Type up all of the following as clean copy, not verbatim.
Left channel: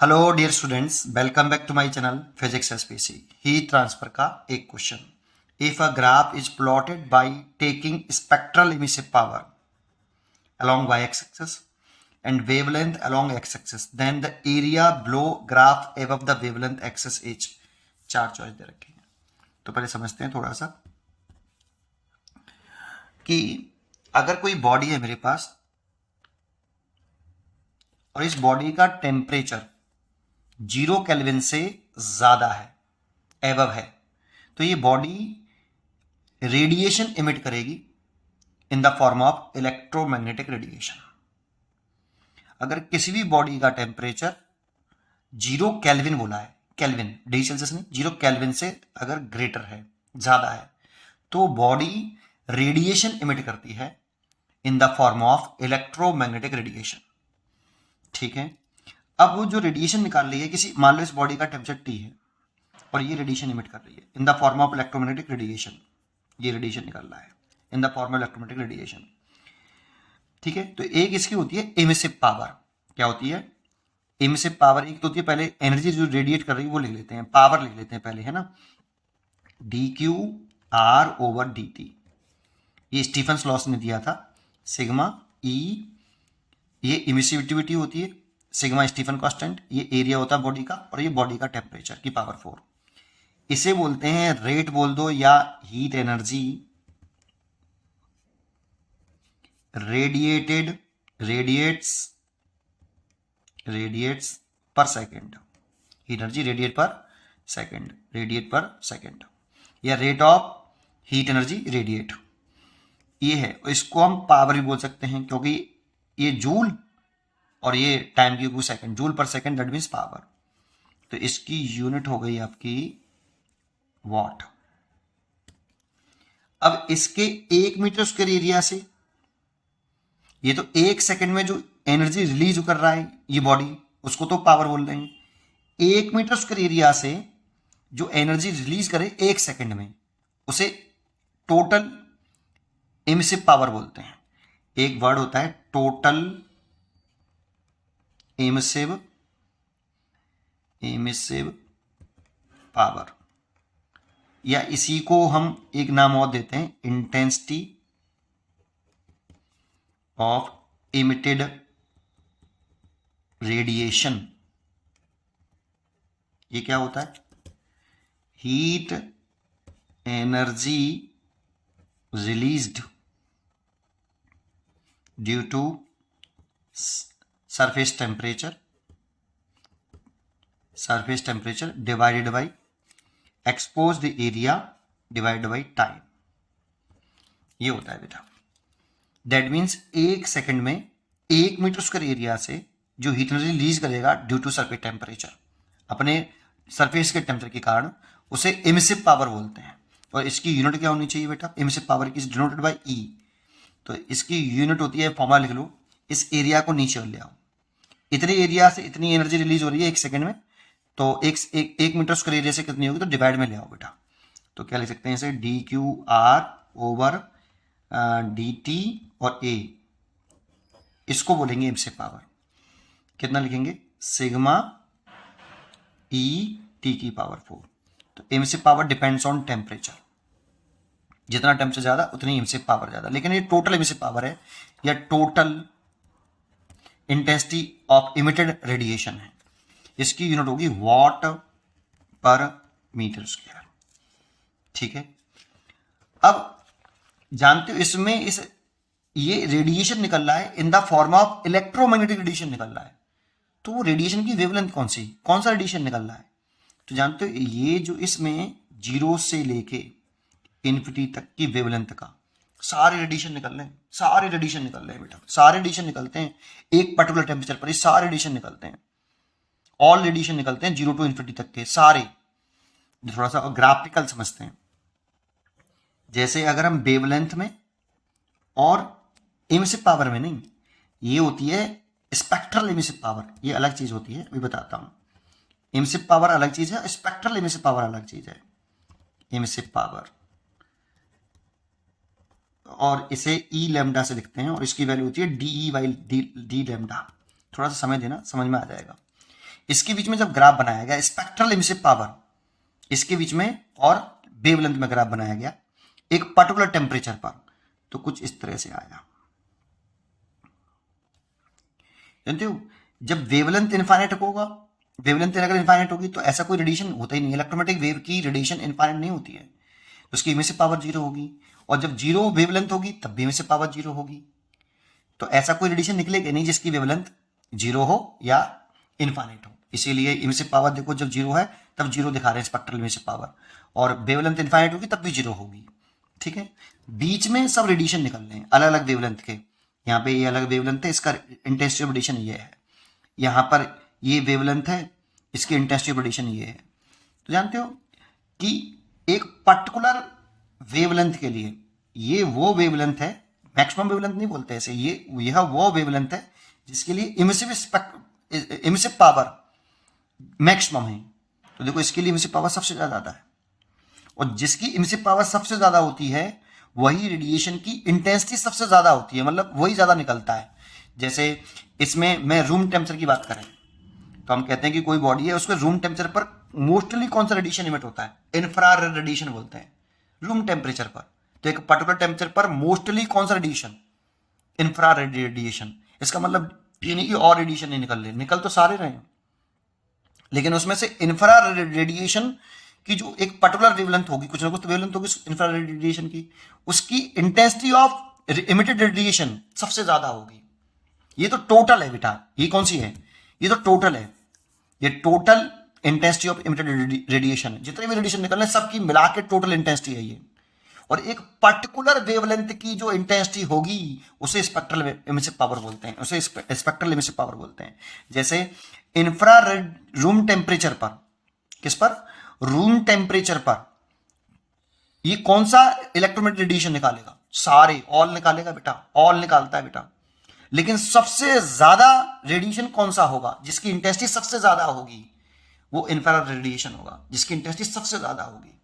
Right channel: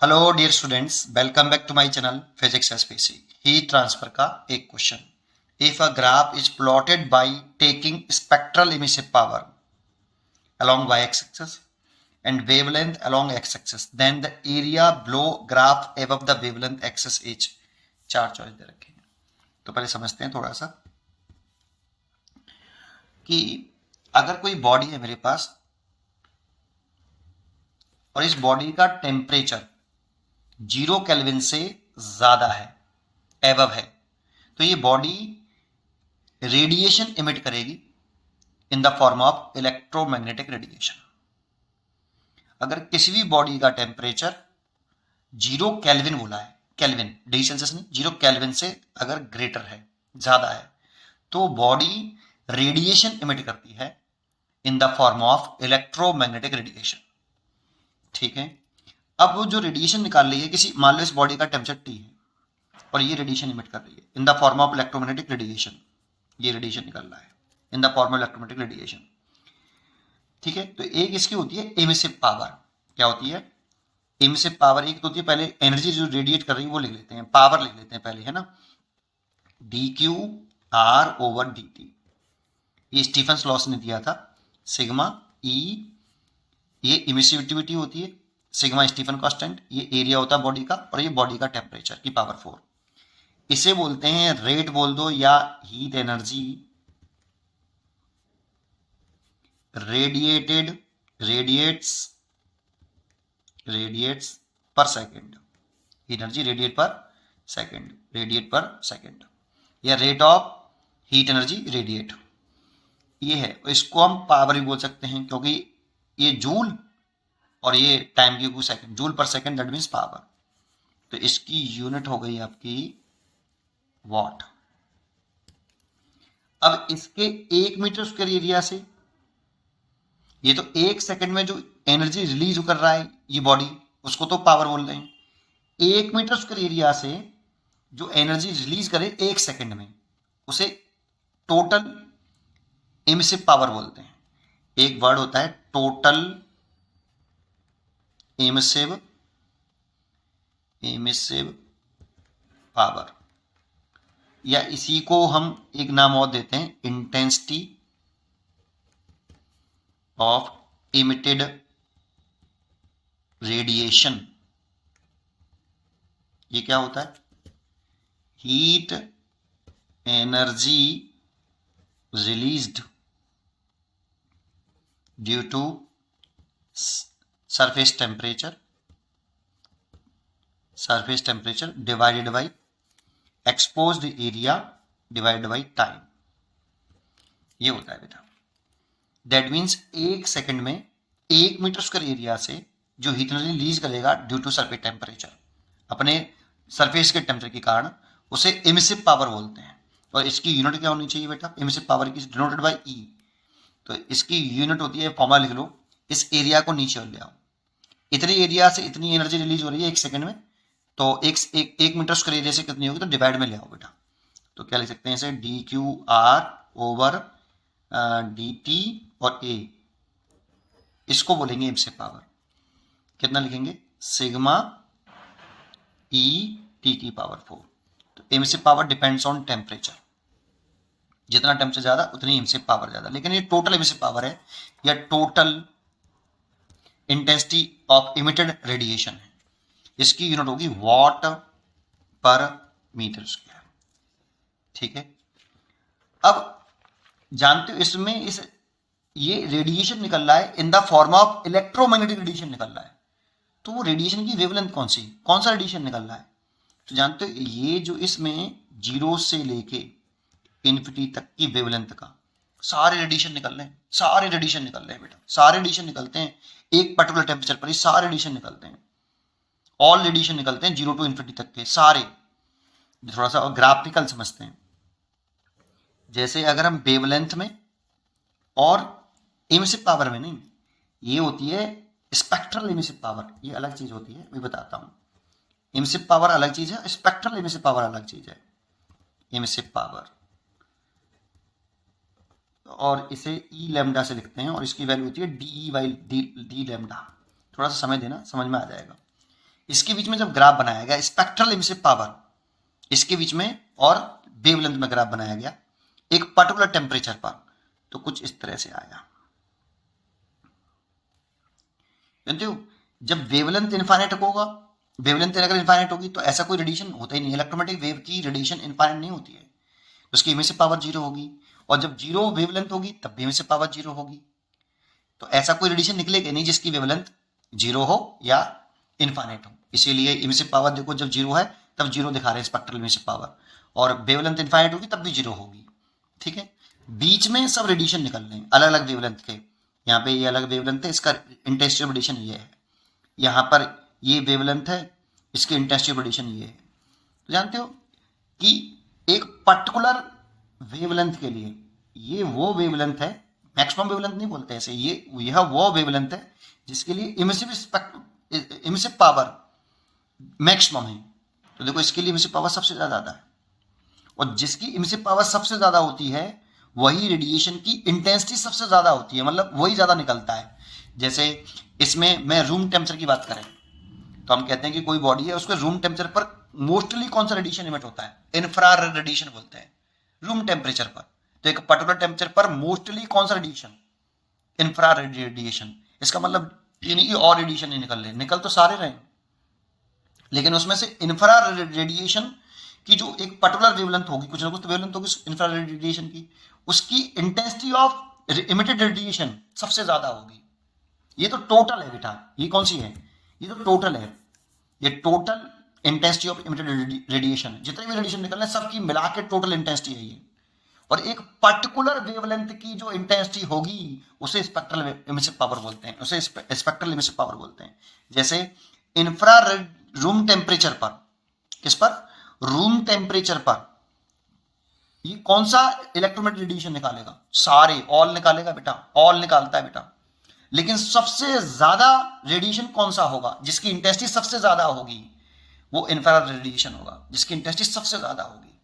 Hello dear students, welcome back to my channel physics SPC. Heat transfer का एक क्वेश्चन। If a graph is plotted by taking spectral emissive power along y axis and wavelength along x axis, then the area below graph above the wavelength axis is। चार choice दे रखे हैं। तो पहले समझते हैं थोड़ा सा कि अगर कोई बॉडी है मेरे पास और इस बॉडी का टेम्परेचर 0 केल्विन से ज्यादा है, एबव है, तो ये बॉडी रेडिएशन इमिट करेगी in the form of electromagnetic radiation. अगर किसी भी बॉडी का टेम्परेचर 0 केल्विन बोला है, केल्विन डिग्री सेल्सियस नहीं, 0 केल्विन से अगर ग्रेटर है, ज्यादा है, तो बॉडी रेडिएशन इमिट करती है in the form of electromagnetic radiation. ठीक है। अब वो जो रेडिएशन निकाल रही है, किसी मान लो इस बॉडी का टेम्परेचर T है और ये रेडिएशन इमिट कर रही है in the form of electromagnetic radiation. ये रेडिएशन निकल रहा है in the form of electromagnetic radiation. ठीक है। तो एक इसकी होती है एमिसिव पावर। क्या होती है? Emissive power. एक तो होती है, पहले एनर्जी जो रेडिएट कर रही है वो लिख लेते हैं, पावर लिख लेते हैं पहले, है ना। dq/r/dt, ये स्टीफन लॉस ने दिया था। सिग्मा E ये इमिसिविटी होती है, सिग्मा स्टीफन कांस्टेंट, ये एरिया होता है बॉडी का, और ये बॉडी का टेम्परेचर की पावर 4। इसे बोलते हैं रेट बोल दो या हीट एनर्जी रेडिएट्स पर सेकेंड। एनर्जी रेडिएट पर सेकेंड या rate of heat energy radiate, ये है। इसको हम पावर भी बोल सकते हैं, क्योंकि ये जूल और ये टाइम की सेकंड, जूल पर सेकंड, दैट मीन्स पावर। तो इसकी यूनिट हो गई आपकी वॉट। अब इसके 1 मीटर स्क्वायर एरिया से, ये तो 1 सेकंड में जो एनर्जी रिलीज कर रहा है ये बॉडी, उसको तो पावर बोल रहे हैं। 1 मीटर स्क्वायर एरिया से जो एनर्जी रिलीज करे 1 सेकंड में, उसे टोटल एमिसिव पावर बोलते हैं। एक वर्ड होता है टोटल एमिसिव पावर, या इसी को हम एक नाम और देते हैं इंटेंसिटी ऑफ इमिटेड रेडिएशन। ये क्या होता है? Heat energy released due to surface temperature divided by exposed area divided by time. ये होता है बेटा। दैट मीन्स 1 सेकंड में 1 मीटर स्क्वायर एरिया से जो हीट एनर्जी रिलीज करेगा ड्यू टू सरफेस टेम्परेचर, अपने सरफेस के टेम्परेचर के कारण, उसे एमिसिव पावर बोलते हैं। और इसकी यूनिट क्या होनी चाहिए बेटा? एमिसिव पावर की डिनोटेड बाय E। तो इसकी यूनिट होती है, फॉर्मूला लिख लो, इस एरिया को नीचे ले आओ। इतने एरिया से इतनी एनर्जी रिलीज हो रही है 1 सेकंड में, तो एक मीटर स्क्वायर एरिया से कितनी होगी, तो डिवाइड में ले आओ बेटा। तो क्या लिख सकते हैं इसे? dq/dt और A, इसको बोलेंगे एमिसिव पावर। कितना लिखेंगे? सिग्मा E T की पावर 4। तो emissive power depends on temperature, जितना टेम्परेचर ज्यादा उतनी एमिसिव पावर ज्यादा। लेकिन ये टोटल एमिसिव पावर है या total intensity of emitted radiation है। इसकी यूनिट होगी वॉट पर मीटर स्क्वायर। ठीक है। अब जानते हो इसमें ये रेडिएशन निकल रहा है in the form of electromagnetic radiation निकल रहा है। तो वो रेडिएशन की वेवलेंथ कौन सा रेडिएशन निकल रहा है? तो जानते हो ये जो इसमें 0 से लेके इन्फिनिटी तक की वेवलेंथ का सारे रेडिएशन निकल रहे हैं, बेटा। सारे रेडिएशन निकलते हैं एक पर्टिकुलर टेम्परेचर पर, सारे रेडिएशन निकलते हैं, ऑल रेडिएशन निकलते हैं 0 टू इन्फिनिटी तक के सारे। थोड़ा सा ग्राफिकल समझते हैं। जैसे अगर हम वेवलेंथ में और एमिसिव पावर में नहीं, ये होती है स्पेक्ट्रल एमिसिव पावर, ये अलग चीज होती है, अभी बताता हूं। एमिसिव पावर अलग चीज है, स्पेक्ट्रल एमिसिव पावर अलग चीज है। एमिसिव पावर, और इसे E लैम्डा से लिखते हैं, और इसकी वैल्यू होती है DE बाई डी लैम्डा। थोड़ा सा समय देना, समझ में आ जाएगा। इसके बीच में जब ग्राफ बनाया गया स्पेक्ट्रल एमिसिव पावर, इसके बीच में और वेवलेंथ में ग्राफ बनाया गया एक पर्टिकुलर टेम्परेचर पर, तो कुछ इस तरह से आया। जानते हो जब वेवलेंथ इनफाइनाइट होगा, वेवलेंथ अगर इनफाइनाइट होगी तो ऐसा कोई रेडिएशन होता ही नहीं, इलेक्ट्रोमैग्नेटिक वेव की रेडिएशन इनफाइनाइट नहीं होती है, उसकी इमिसिव पावर जीरो होगी, और जब जीरो वेवलेंथ होगी तब भी इमिसिव पावर जीरो होगी। तो ऐसा कोई रेडिएशन निकलेगा नहीं जिसकी वेवलेंथ जीरो हो या इनफाइनाइट हो, इसीलिए इमिसिव पावर देखो जब जीरो है तब जीरो दिखा रहे हैं स्पेक्ट्रल इमिसिव पावर, और वेवलेंथ इनफाइनाइट होगी तब भी जीरो होगी। ठीक है, बीच में सब रेडिएशन निकल रहे हैं अलग अलग वेवलेंथ के, यहाँ पे ये अलग वेवलेंथ है, इसका इंटेंसिटी ऑफ रेडिएशन ये है, यहाँ पर ये वेवलेंथ है, इसकी इंटेंसिटी ऑफ रेडिएशन ये है। तो जानते हो कि एक पर्टिकुलर वेवलेंथ के लिए ये वो वेवलेंथ है, मैक्सिमम वेवलेंथ नहीं बोलते ऐसे, ये यह वो वेवलेंथ है जिसके लिए इमिसिव पावर मैक्सिमम है। तो देखो इसके लिए इमिसिव पावर सबसे ज्यादा है, और जिसकी इमिसिव पावर सबसे ज्यादा होती है वही रेडिएशन की इंटेंसिटी सबसे ज्यादा होती है, मतलब वही ज्यादा निकलता है। जैसे इसमें मैं रूम टेम्परेचर की बात करें तो हम कहते हैं कि कोई बॉडी है उसके रूम टेम्परेचर पर मोस्टली कौन सा रेडिएशन इमिट होता है, इंफ्रारेड रेडिएशन बोलते हैं रूम टेम्परेचर पर। तो एक पर्टिकुलर टेम्परेचर पर मोस्टली कौन सा रेडिएशन, इंफ्रारेड रेडिएशन। इसका मतलब ये नहीं कि और रेडिएशन नहीं निकल रहे, निकल तो सारे रहे, लेकिन उसमें से इंफ्रारेड रेडिएशन की जो एक पर्टिकुलर वेवलेंथ होगी, कुछ ना कुछ तो वेवलेंथ होगी इंफ्रारेड रेडिएशन की, उसकी इंटेंसिटी ऑफ इमिटेड रेडिएशन सबसे ज्यादा होगी। ये तो टोटल है बेटा, ये कौन सी है, ये तो टोटल है, ये total intensity of emitted radiation है, जितने भी रेडिएशन निकल रहे हैं सबकी मिला के टोटल इंटेंसिटी है ये। और एक पर्टिकुलर वेवलेंथ की जो इंटेंसिटी होगी उसे स्पेक्ट्रल इमिसिव पावर बोलते हैं, उसे स्पेक्ट्रल इमिसिव पावर बोलते हैं। जैसे इंफ्रारेड रूम टेम्परेचर पर, किस पर, रूम टेम्परेचर पर ये कौन सा इलेक्ट्रोमैग्नेटिक रेडिएशन निकालेगा, सारे ऑल निकालेगा बेटा, ऑल निकालता है बेटा। लेकिन सबसे ज्यादा रेडिएशन कौन सा होगा जिसकी इंटेंसिटी सबसे ज्यादा होगी, वो इंफ्रारेड रेडिएशन होगा जिसकी इंटेंसिटी सबसे ज्यादा होगी।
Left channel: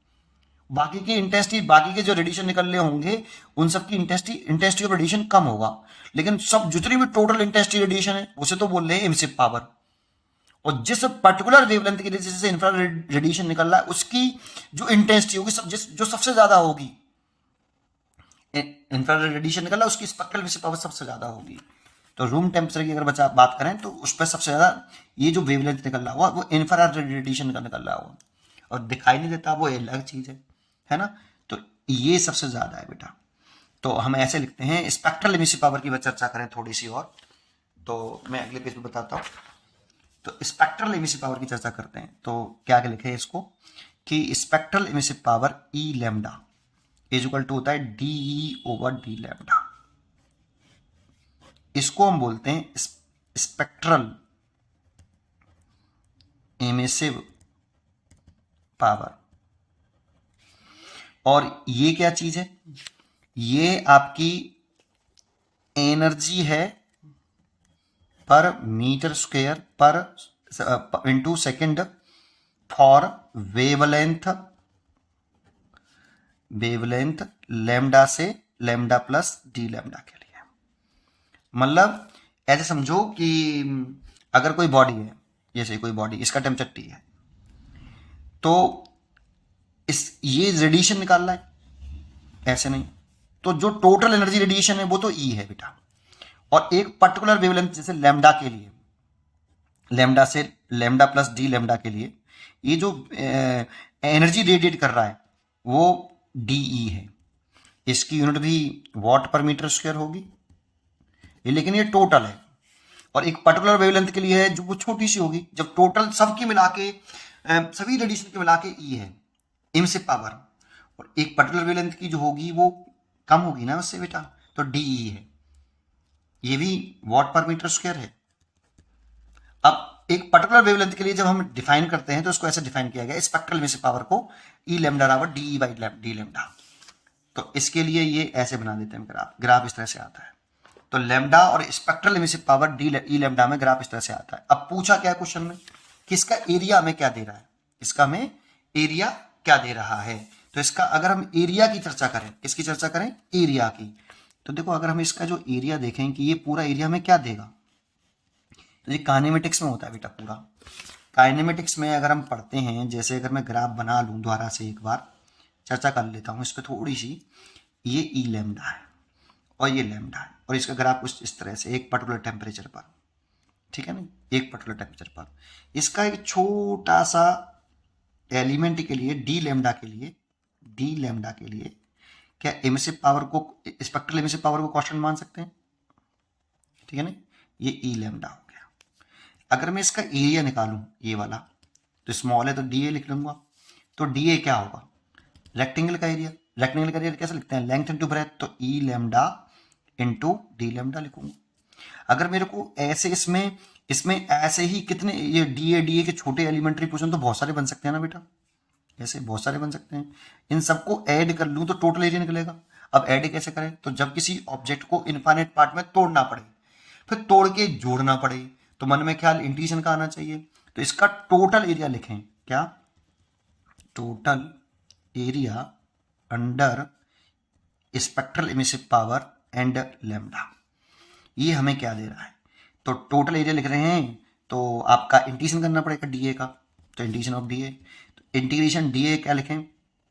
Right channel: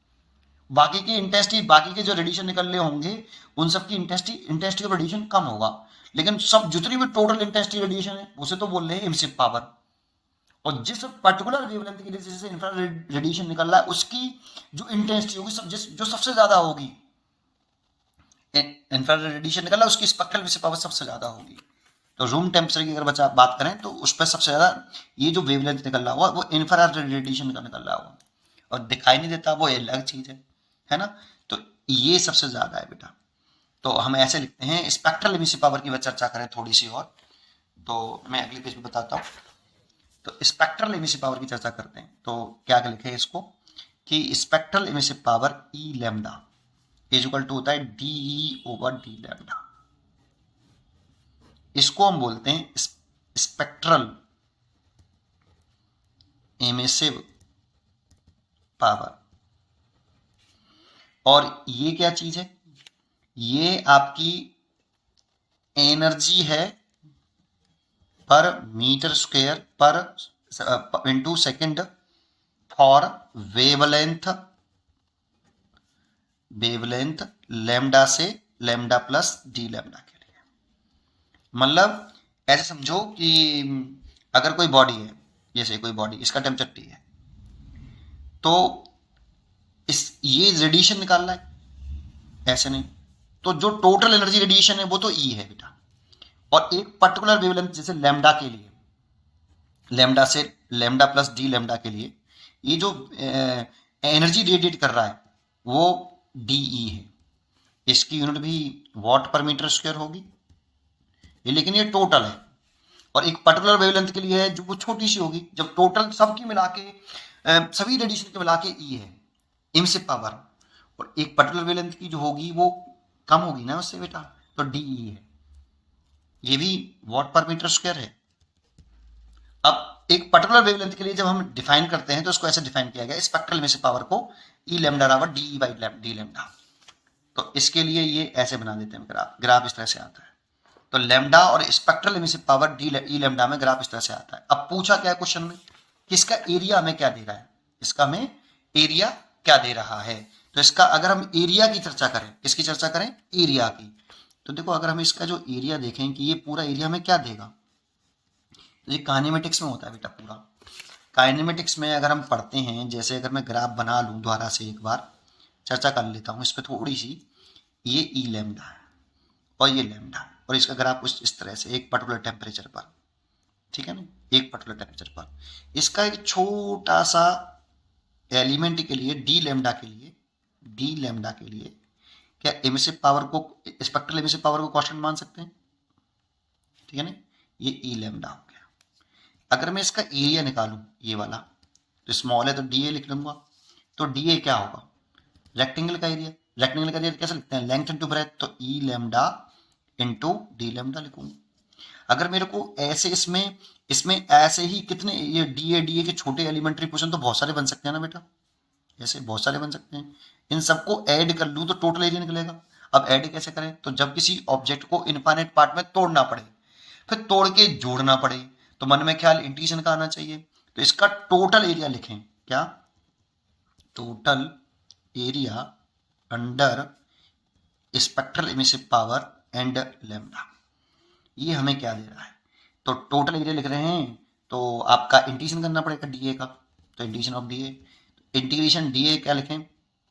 बाकी की इंटेंसिटी, बाकी के जो रेडिएशन निकलने होंगे उन सब की इंटेंसिटी ऑफ रेडिएशन कम होगा, लेकिन सब जितनी भी टोटल इंटेंसिटी रेडिएशन है उसे तो बोल रहे हैं इमिसिव पावर। और जिस पर्टिकुलर वेवलेंथ के लिए जैसे इंफ्रारेड रेडिएशन निकल रहा है उसकी जो इंटेंसिटी होगी जो सबसे ज्यादा होगी, इंफ्रारेड रेडिएशन निकल रहा है उसकी स्पेक्ट्रल इमिसिव पावर सबसे ज्यादा होगी। तो रूम टेम्परेचर की अगर बच्चा बात करें तो उस पर सबसे ज्यादा ये जो वेवलेंथ निकल रहा हुआ वो इंफ्रारेड रेडिएशन का निकल रहा हुआ, और दिखाई नहीं देता वो अलग चीज है ना। तो ये सबसे ज्यादा है बेटा। तो हम ऐसे लिखते हैं, स्पेक्ट्रल इमिसिव पावर की चर्चा करें थोड़ी सी और, तो मैं अगले पेज में बताता हूँ। तो स्पेक्ट्रल इमिसिव पावर की चर्चा करते हैं, तो क्या लिखे हैं इसको कि spectral emissive power E lambda is equal to होता है डी ओवर डी लैम्डा। इसको हम बोलते हैं स्पेक्ट्रल इमिसिव पावर। और ये क्या चीज है, ये आपकी एनर्जी है पर मीटर स्क्वायर पर into second for wavelength lambda से लैम्डा प्लस डी लैम्डा के लिए। मतलब ऐसे समझो कि अगर कोई बॉडी है, जैसे कोई बॉडी, इसका टेम्परेचर टी है, तो ये रेडिएशन निकाल रहा है, ऐसे नहीं, तो जो टोटल एनर्जी रेडिएशन है वो तो ई है बेटा। और एक पर्टिकुलर वेवलेंथ जैसे लैम्डा के लिए, लैम्डा से लैम्डा प्लस डी लैम्डा के लिए ये जो एनर्जी रेडिएट कर रहा है वो डीई है, इसकी यूनिट भी वॉट पर मीटर स्क्वायर होगी, लेकिन ये टोटल है। और एक पर्टिकुलर वेवलेंथ के लिए है जो वो छोटी सी होगी, जब टोटल सबकी मिला के सभी रेडिएशन के मिला के ई है इमिसिव पावर, और एक पर्टिकुलर वेवलेंथ की जो होगी वो कम होगी ना उससे बेटा, तो डीई है, ये भी वॉट पर मीटर स्क्वायर है। अब एक पर्टिकुलर वेवलेंथ के लिए जब हम डिफाइन करते हैं तो उसको ऐसे डिफाइन किया गया स्पेक्ट्रल इमिसिव पावर को ई लैम्डा बराबर डीई बाई डी लैम्डा। तो इसके लिए ये ऐसे बना देते हैं ग्राफ इस तरह से आता है। तो लैम्डा और spectral emissive power D E lambda में ग्राफ इस तरह से आता है। अब पूछा क्या है क्वेश्चन में कि इसका एरिया हमें क्या दे रहा है, इसका हमें एरिया क्या दे रहा है। तो इसका अगर हम एरिया की चर्चा करें, किसकी चर्चा करें, एरिया की, तो देखो अगर हम इसका जो एरिया देखें कि ये पूरा एरिया में क्या देगा, तो ये काइनेमेटिक्स में होता है बेटा पूरा, काइनेमेटिक्स में अगर हम पढ़ते हैं, जैसे अगर मैं ग्राफ बना लूँ दोबारा से एक बार चर्चा कर लेता हूँ इस पर थोड़ी सी। ये ई लैम्डा है और ये लैम्डा है, और इसका ग्राफ कुछ इस तरह से एक पर्टिकुलर टेम्परेचर पर, ठीक है ना, एक पर्टिकुलर टेम्परेचर पर इसका एक छोटा सा एलिमेंट के लिए डी लैम्डा के लिए क्या एमिसिव पावर को, स्पेक्ट्रल एमिसिव पावर को कांस्टेंट मान सकते हैं, ठीक है ना। ये ई लैम्डा हो गया। अगर मैं इसका एरिया निकालूं ये वाला, तो स्मॉल है तो डी ए लिख लूंगा। तो डी ए क्या होगा, रेक्टेंगल का एरिया। रेक्टेंगल का एरिया कैसे लिखते हैं, लेंथ इनटू ब्रेथ, तो ई लैम्डा इनटू डी लैम्डा लिखूंगा। अगर मेरे को ऐसे इसमें इसमें ऐसे ही कितने ये डी ए के छोटे एलिमेंट्री क्वेश्चन तो बहुत सारे बन सकते हैं ना बेटा, ऐसे बहुत सारे बन सकते हैं। इन सबको ऐड कर लूँ तो टोटल एरिया निकलेगा। अब ऐड कैसे करें, तो जब किसी ऑब्जेक्ट को इनफाइनाइट पार्ट में तोड़ना पड़े, फिर तोड़ के जोड़ना पड़े, तो मन में ख्याल इंटीग्रेशन का आना चाहिए। तो इसका टोटल एरिया लिखें, क्या, total area under spectral emissive power and lambda. ये हमें क्या दे रहा है, तो टोटल एरिया लिख रहे हैं, तो आपका इंटीग्रेशन करना पड़ेगा डीए का, तो integration of DA, integration DA क्या लिखें,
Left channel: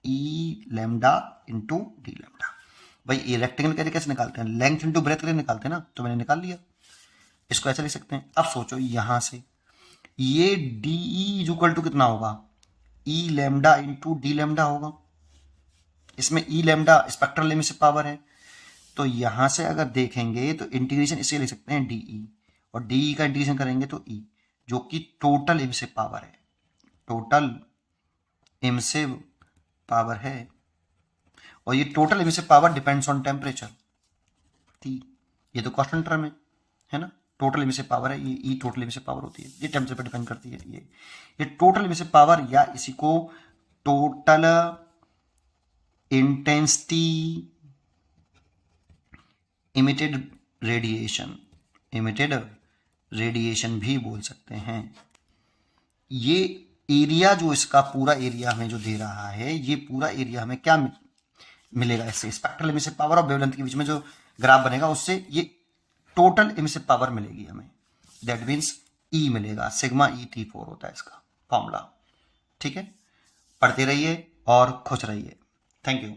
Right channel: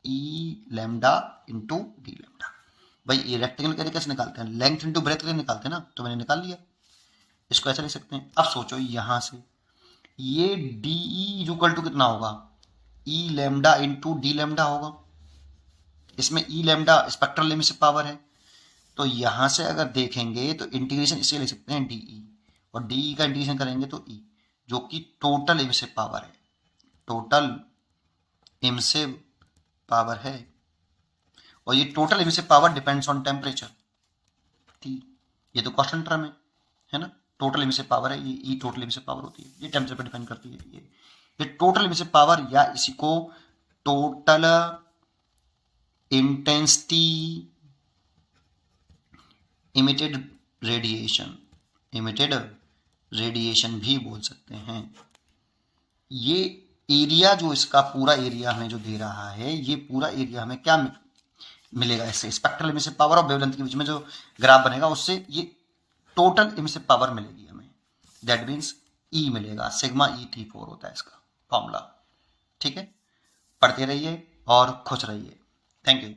ई लैम्डा इंटू डी लैम्डा। भाई ये रेक्टेंगल का कैसे निकालते हैं, लेंथ इंटू ब्रेथ के निकालते हैं ना, तो मैंने निकाल लिया। इसको ऐसा लिख सकते हैं। अब सोचो यहां से ये डी इक्वल टू कितना होगा, ई लैम्डा इंटू डी लैम्डा होगा। इसमें ई लैम्डा स्पेक्ट्रल एमिसिव पावर है, तो यहां से अगर देखेंगे तो इंटीग्रेशन इसे लिख सकते हैं डीई, और डीई का इंटीग्रेशन करेंगे तो ई, जो कि टोटल एमिसिव पावर है, टोटल एमिसिव पावर है। और ये total emissive power depends on temperature T, ये तो कांस्टेंट टर्म है ना। टोटल एमिसिव पावर है, ये ई टोटल एमिसिव पावर होती है, ये टेम्परेचर पर डिपेंड करती है। ये टोटल एमिसिव पावर, या इसी को टोटल इंटेंसिटी इमिटेड रेडिएशन भी बोल सकते हैं। ये एरिया जो इसका पूरा एरिया हमें जो दे रहा है, ये पूरा एरिया हमें क्या मिलेगा, इससे स्पेक्ट्रल एमिसिव पावर और वेवलेंथ के बीच में जो ग्राफ बनेगा उससे ये टोटल एमिसिव पावर मिलेगी हमें। दैट मीन्स ई मिलेगा, सिग्मा ई T4 होता है इसका फॉर्मूला। ठीक है, पढ़ते रहिए और खुश रहिए। Thank you.